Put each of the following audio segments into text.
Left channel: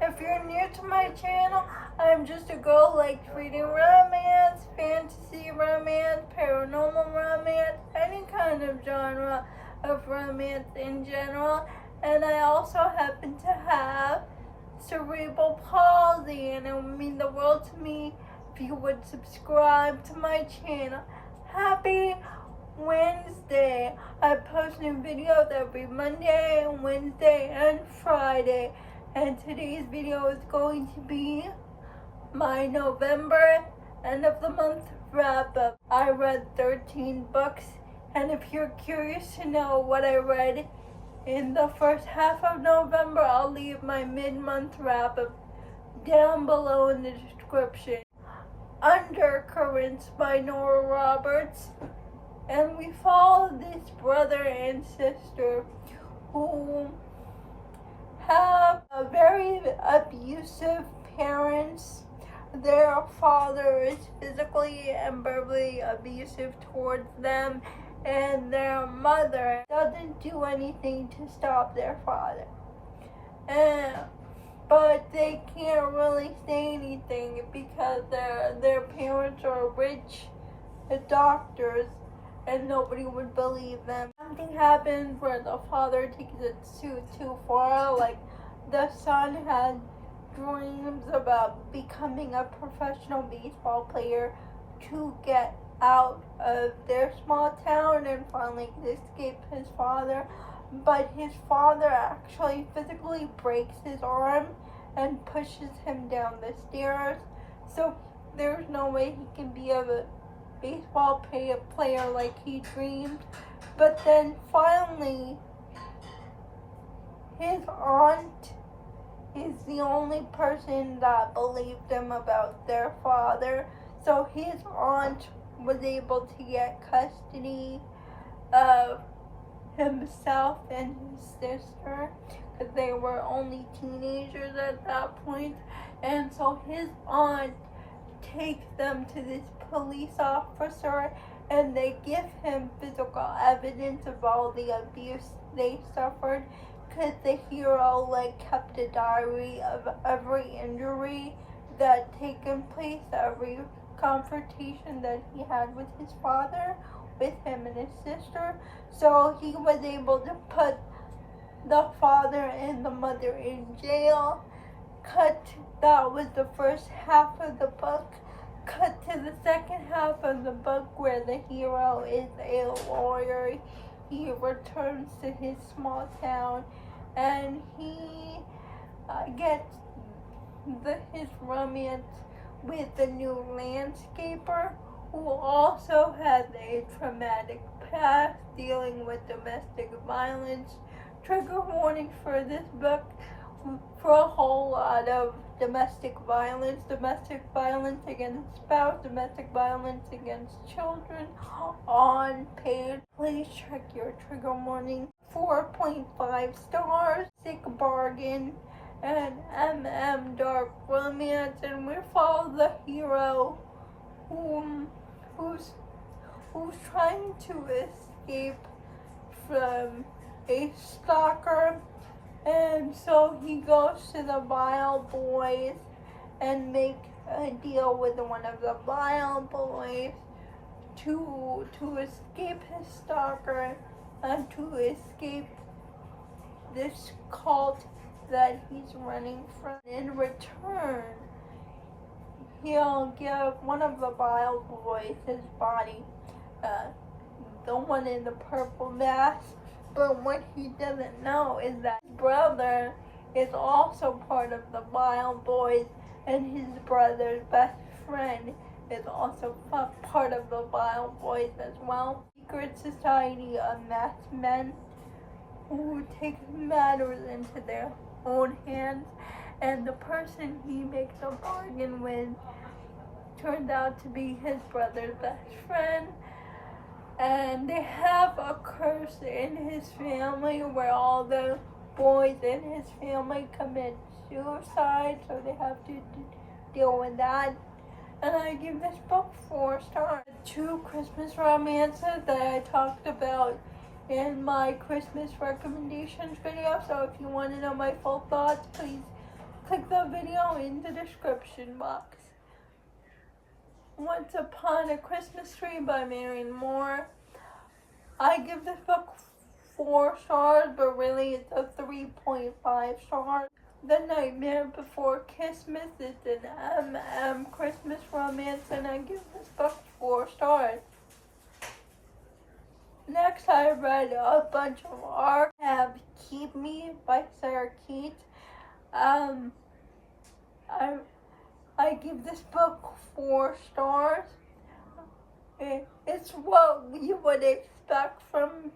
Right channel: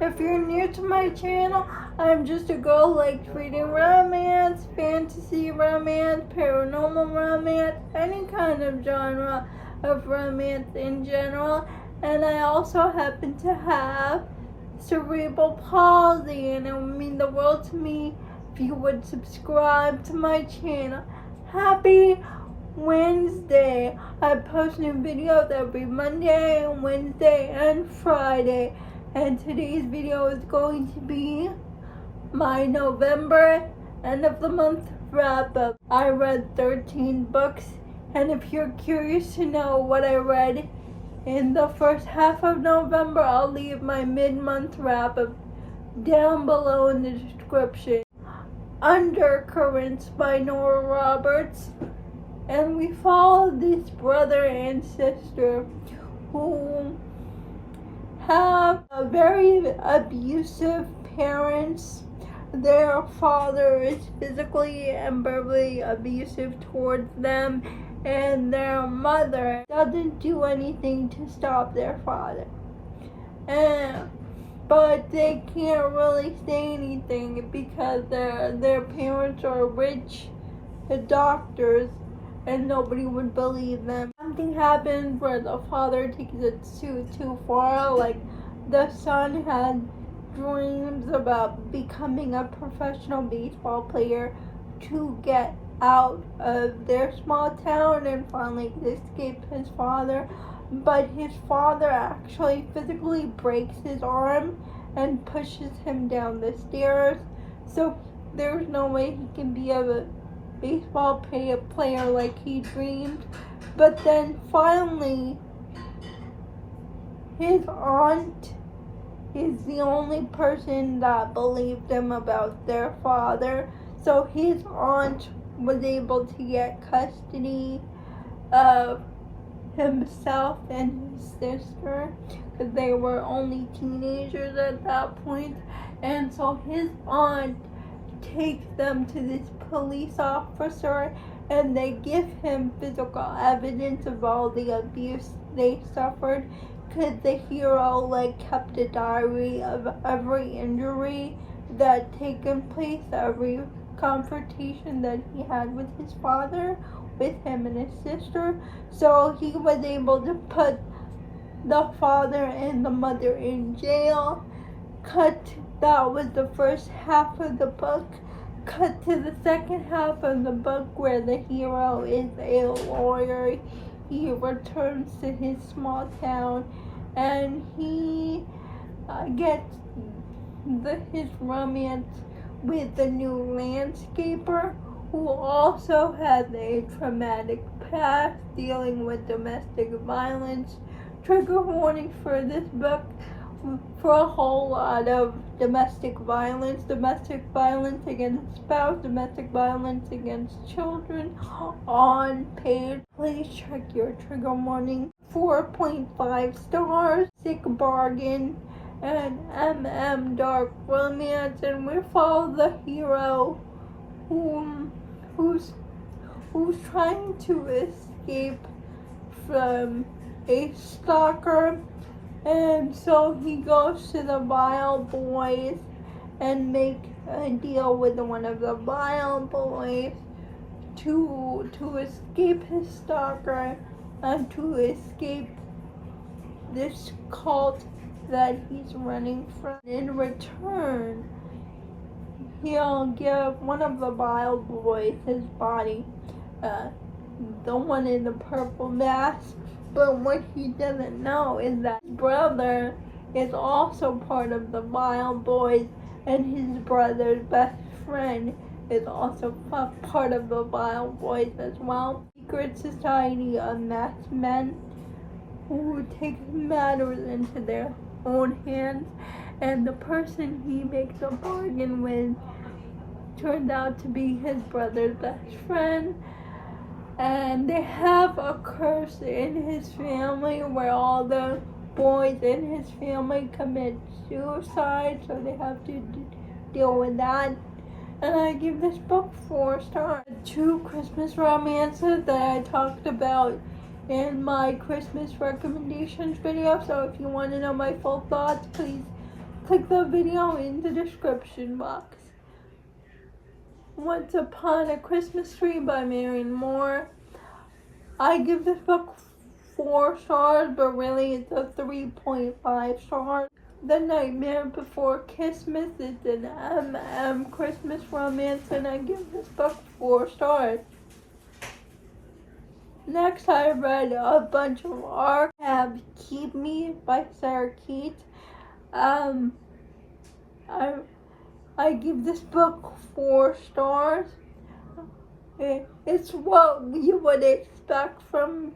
If you're new to my channel, I'm just a girl who likes reading romance, fantasy romance, paranormal romance, any kind of genre of romance in general. And I also happen to have cerebral palsy, and it would mean the world to me if you would subscribe to my channel. Happy Wednesday! I post new videos every Monday, Wednesday, and Friday. And today's video is going to be my November end of the month wrap up. I read 13 books, and if you're curious to know what I read in the first half of November, I'll leave my mid-month wrap up down below in the description. Undercurrents by Nora Roberts, and we follow this brother and sister who have very abusive parents. Their father is physically and verbally abusive towards them, and their mother doesn't do anything to stop their father. But they can't really say anything because their parents are rich doctors, and nobody would believe them. Something happens where the father takes it too far. Like, the son had dreams about becoming a professional baseball player to get out of their small town and finally escape his father. But his father actually physically breaks his arm and pushes him down the stairs. So there's no way he can be a baseball player like he dreamed. But then finally, his aunt is the only person that believed him about their father. So his aunt was able to get custody of himself and his sister because they were only teenagers at that point. And so his aunt takes them to this police officer, and they give him physical evidence of all the abuse they suffered, because the hero kept a diary of every injury that taken place, every confrontation that he had with his father, with him and his sister. So he was able to put the father and the mother in jail. That was the first half of the book. Cut to the second half of the book where the hero is a lawyer. He returns to his small town, and he gets his romance with the new landscaper, who also has a traumatic past dealing with domestic violence. Trigger warning for this book for a whole lot of domestic violence against spouse, domestic violence against children on page. Please check your trigger warning. 4.5 stars, Sick Bargain, and Dark Romance, and we follow the hero who's trying to escape from a stalker. And so he goes to the Vile Boys and make a deal with one of the Vile Boys to escape his stalker and to escape this cult that he's running from. In return, he'll give one of the Vile Boys his body, the one in the purple mask. But what he doesn't know is that his brother is also part of the Vile Boys, and his brother's best friend is also part of the Vile Boys as well. Secret society of masked men who take matters into their own hands, and the person he makes a bargain with turns out to be his brother's best friend. And they have a curse in his family where all the boys in his family commit suicide, so they have to deal with that. And I give this book 4 stars. 2 Christmas romances that I talked about in my Christmas recommendations video, so if you want to know my full thoughts, please click the video in the description box. Once Upon a Christmas Tree by Marion Moore. I give this book 4 stars, but really it's a 3.5 stars. The Nightmare Before Kissmas is an Christmas romance, and I give this book 4 stars. Next, I read a bunch of art. I have Keep Me by Sarah Keats. I give this book 4 stars. It's what you would expect from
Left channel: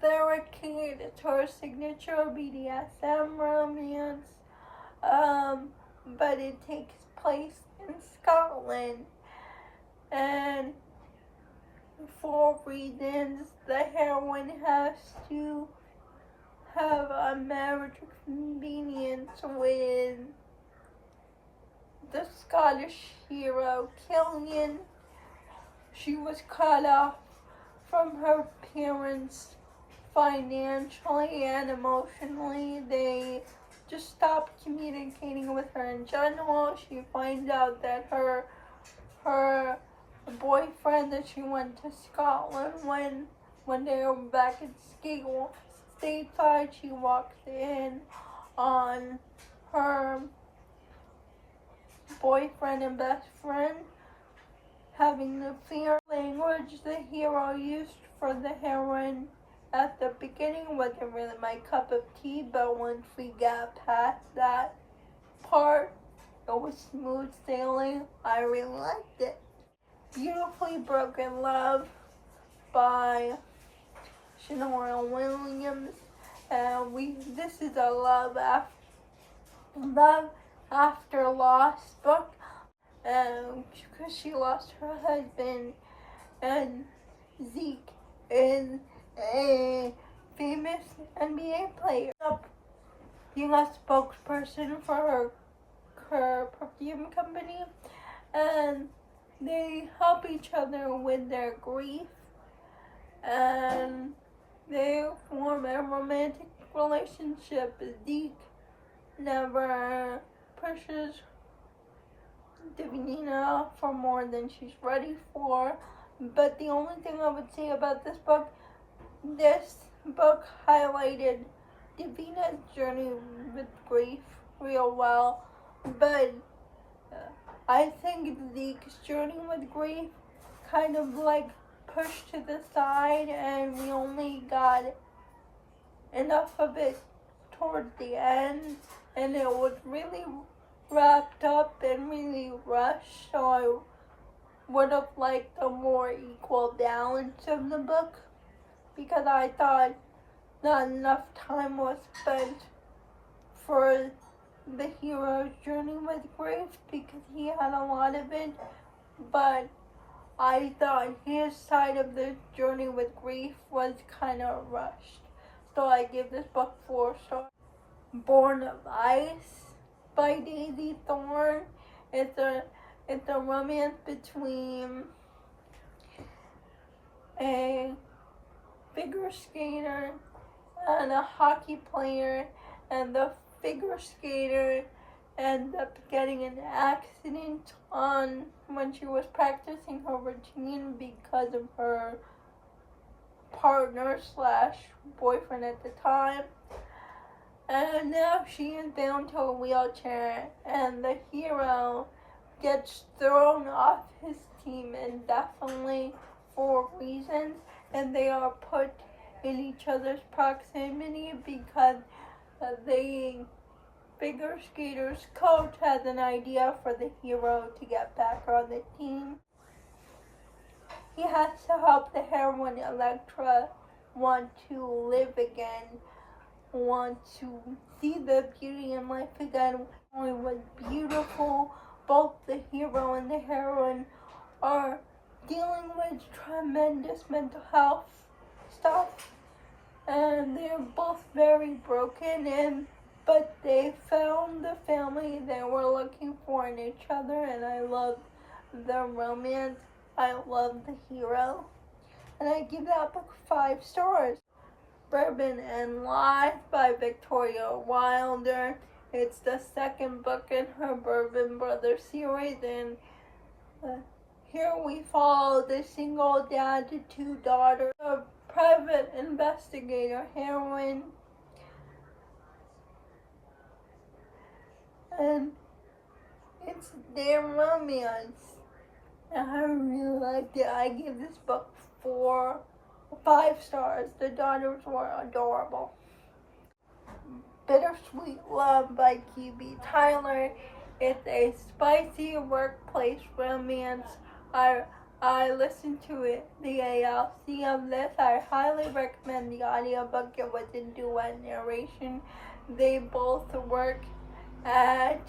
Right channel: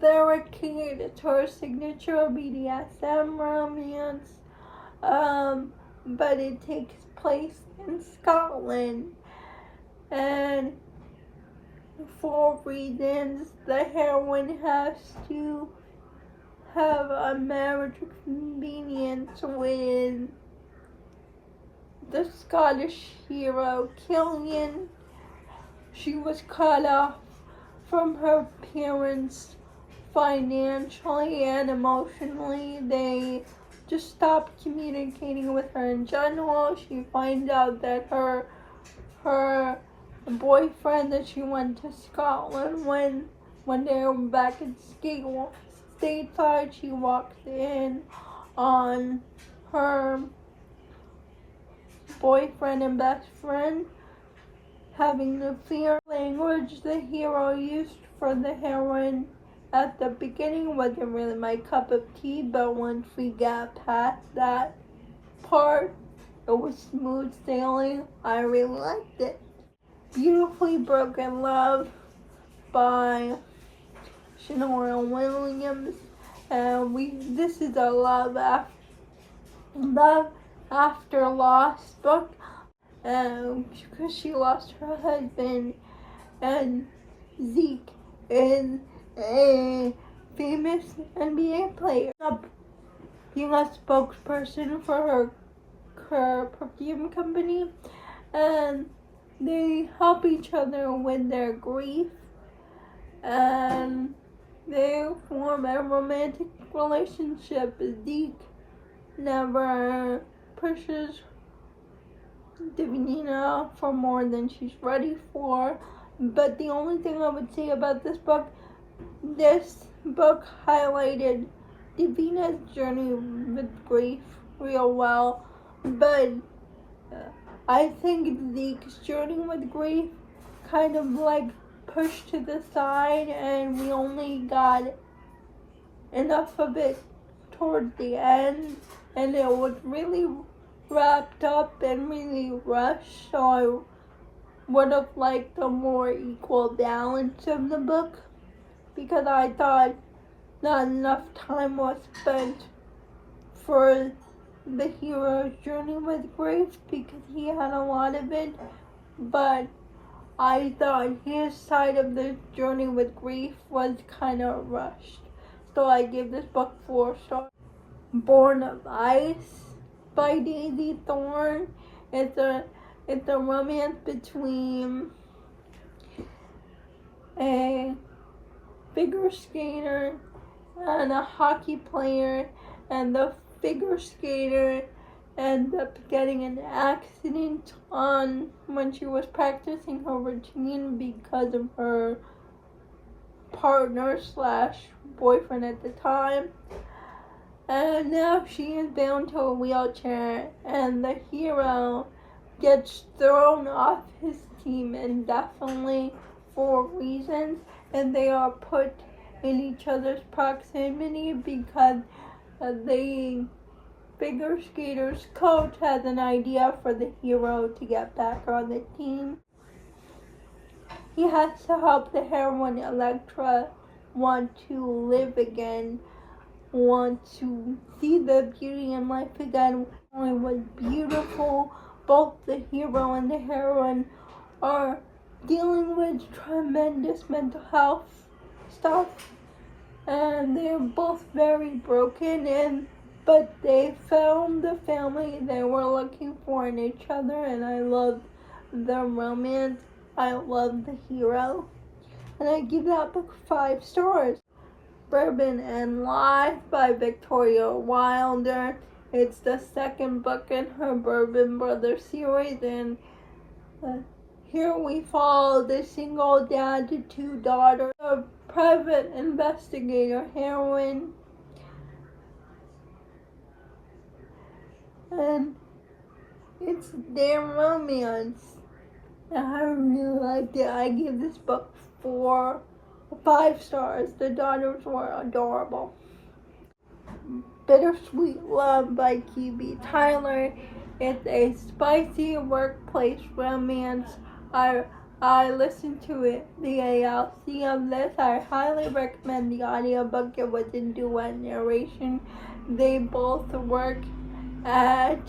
Sarah Keats. It's her signature BDSM romance, but it takes place in Scotland, and for reasons the heroine has to have a marriage convenience with the Scottish hero Killian. She was cut off from her parents financially and emotionally. They just stopped communicating with her in general. She finds out that her boyfriend that she went to Scotland when they were back at stateside, she walks in on her boyfriend and best friend having the fear language the hero used for the heroine at the beginning wasn't really my cup of tea, but once we got past that part, it was smooth sailing. I really liked it. Beautifully Broken Love by Shannara Williams. This is a love after loss book. Because she lost her husband, and Zeke is a famous NBA player, being a spokesperson for her perfume company, and they help each other with their grief, and they form a romantic relationship. Zeke never pushes Davina for more than she's ready for. But the only thing I would say about this book highlighted Davina's journey with grief real well. But I think Zeke's journey with grief kind of like pushed to the side, and we only got enough of it towards the end, and it was really wrapped up and really rushed, so I would have liked a more equal balance of the book, because I thought not enough time was spent for the hero's journey with grief, because he had a lot of it, but I thought his side of the journey with grief was kind of rushed, so I give this book 4 stars. Born of Ice by Daisy Thorne. It's a romance between a figure skater and a hockey player, and the figure skater ends up getting an accident when she was practicing her routine because of her partner / boyfriend at the time. And now she is bound to a wheelchair, and the hero gets thrown off his team indefinitely for reasons, and they are put in each other's proximity because the figure skater's coach has an idea for the hero to get back on the team. He has to help the heroine Electra want to live again, want to see the beauty in life again. It was beautiful. Both the hero and the heroine are dealing with tremendous mental health stuff, and they're both very broken, but they found the family they were looking for in each other, and I love the romance. I love the hero, and I give that book 5 stars. Bourbon and Lies by Victoria Wilder. It's the second book in her Bourbon Brothers series, and here we follow the single dad to two daughters, a private investigator heroine, and it's their romance. I really liked it. I give this book 5 stars. The daughters were adorable. Bittersweet Love by Q.B. Tyler. It's a spicy workplace romance. I listened to the ALC of this. I highly recommend the audiobook. It was in duet narration. They both work at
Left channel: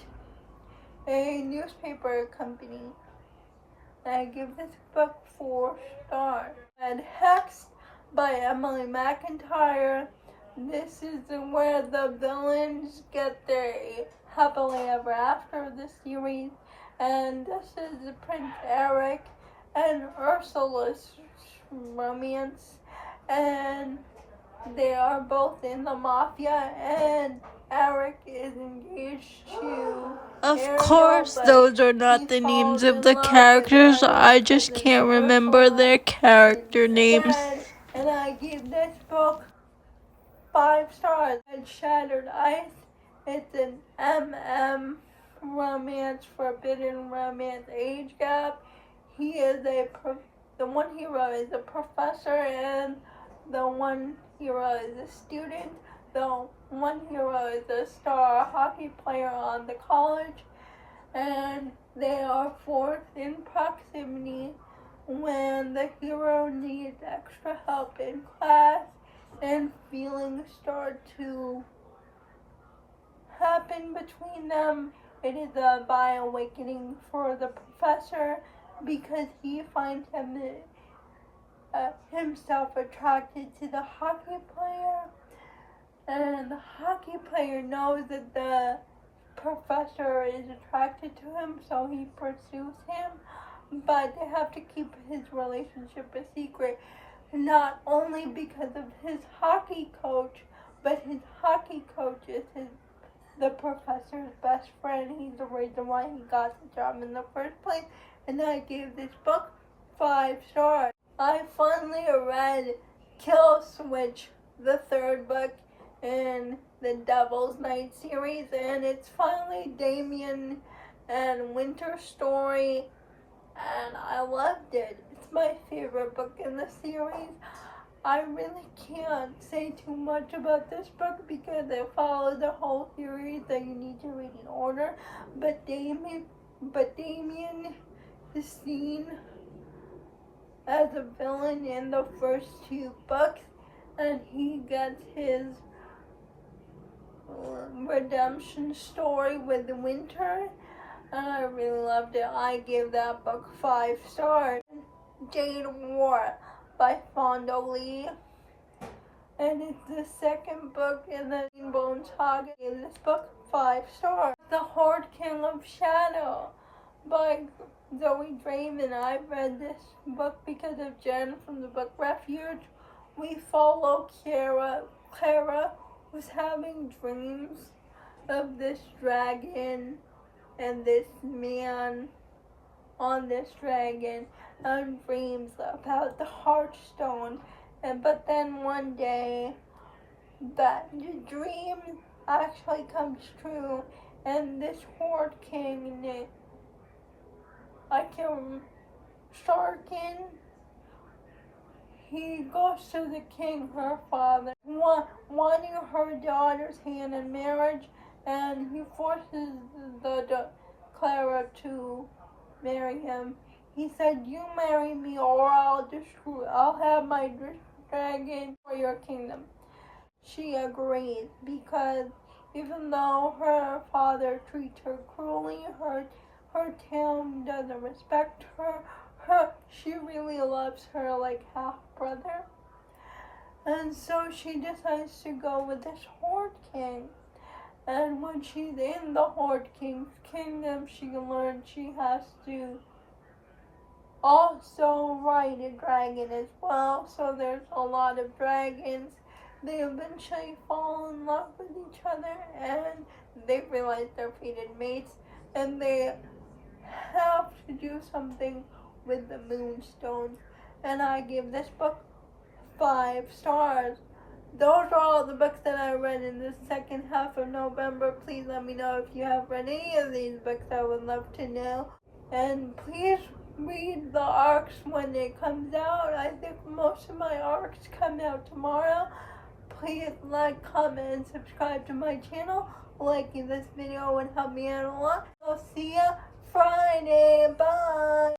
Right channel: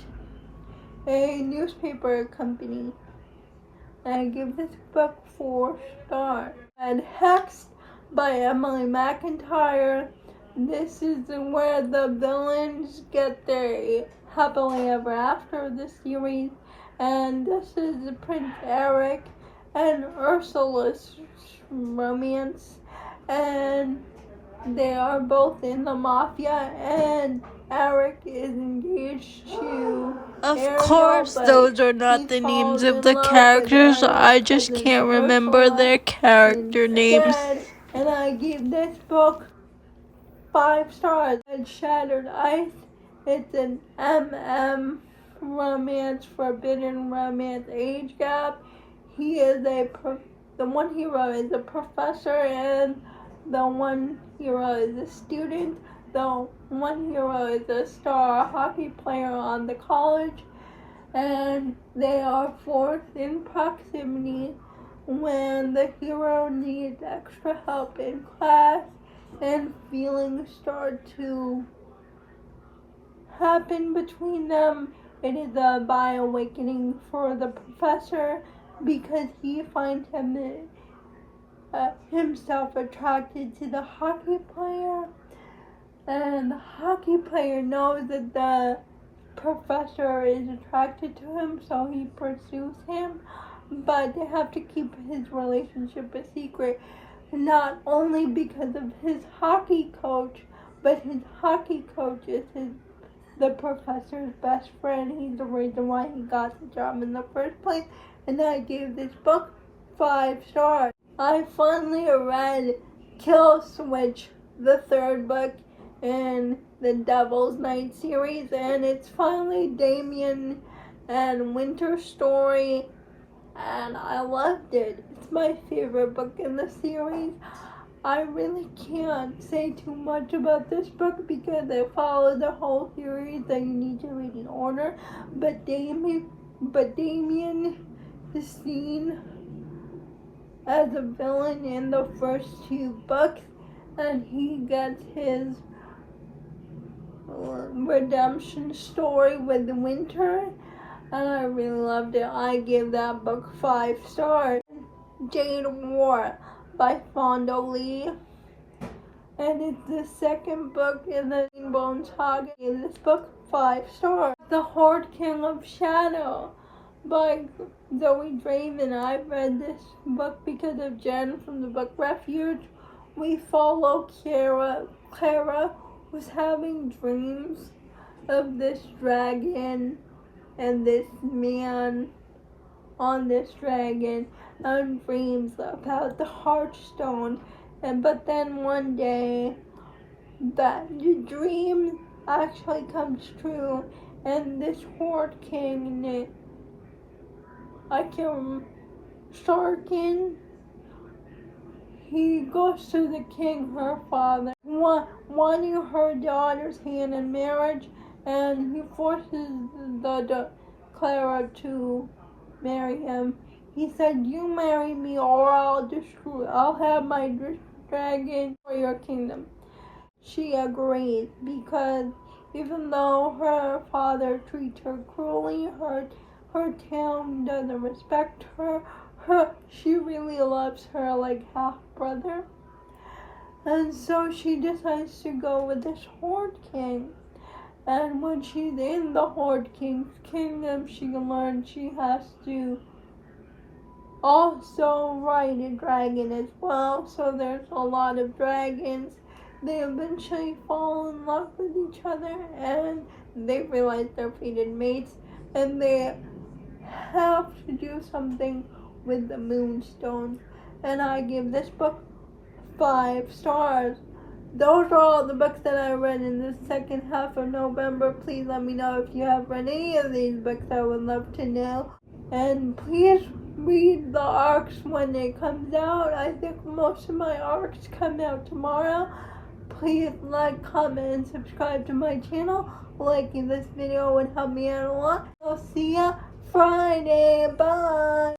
a newspaper company. I give this book 4 stars. And Hexed by Emily McIntyre. This is where the villains get their happily ever after of the series. And this is Prince Eric and Ursula's romance. And they are both in the mafia, and Eric is engaged to Of Ariel, course, those are not the names of the characters. I just can't remember their character names. And I give this book 5 stars. And Shattered Ice, it's an romance, forbidden romance age gap. He is the one hero is a professor, and the one hero is a student. The one hero is a star hockey player on the college, and they are forced in proximity when the hero needs extra help in class, and feelings start to happen between them. It is a by awakening for the professor because he finds himself attracted to the hockey player, and the hockey player knows that the professor is attracted to him, so he pursues him, but they have to keep his relationship a secret, not only because of his hockey coach, but his hockey coach is the professor's best friend. He's the reason why he got the job in the first place. And I gave this book 5 stars. I finally read Kill Switch, the 3rd book in the Devil's Night series, and it's finally Damien and Winter's story, and I loved it. It's my favorite book in the series. I really can't say too much about this book because it follows the whole series that you need to read in order. But Damien is seen as a villain in the first 2 books, and he gets his redemption story with the Winter, and I really loved it. I give that book 5 stars. Jade by Fonda Lee, and it's the 2nd book in the Rainbow Saga. In this book, 5 stars. The Horde King of Shadow by Zoe Draven. I've read this book because of Jen from the book Refuge. We follow Clara. Clara was having dreams of this dragon and this man on this dragon, and dreams about the Heartstone. But then one day that the dream actually comes true, and this Horde King, Starkin, he goes to the king, her father, wanting her daughter's hand in marriage, and he forces the Clara to marry him. He said, "You marry me or I'll have my dragon for your kingdom." She agrees because even though her father treats her cruelly, her town doesn't respect her, she really loves her like half-brother. And so she decides to go with this Horde King. And when she's in the Horde King's kingdom, she learns she has to also ride a dragon as well. So there's a lot of dragons. They eventually fall in love with each other, and they realize they're fated mates, and they have to do something with the moonstones. And I give this book 5 stars. Those are all the books that I read in the second half of November. Please let me know if you have read any of these books. I would love to know. And please read the arcs when it comes out. I think most of my arcs come out tomorrow. Please like, comment, and subscribe to my channel. Liking this video would help me out a lot. I'll see ya Friday. Bye.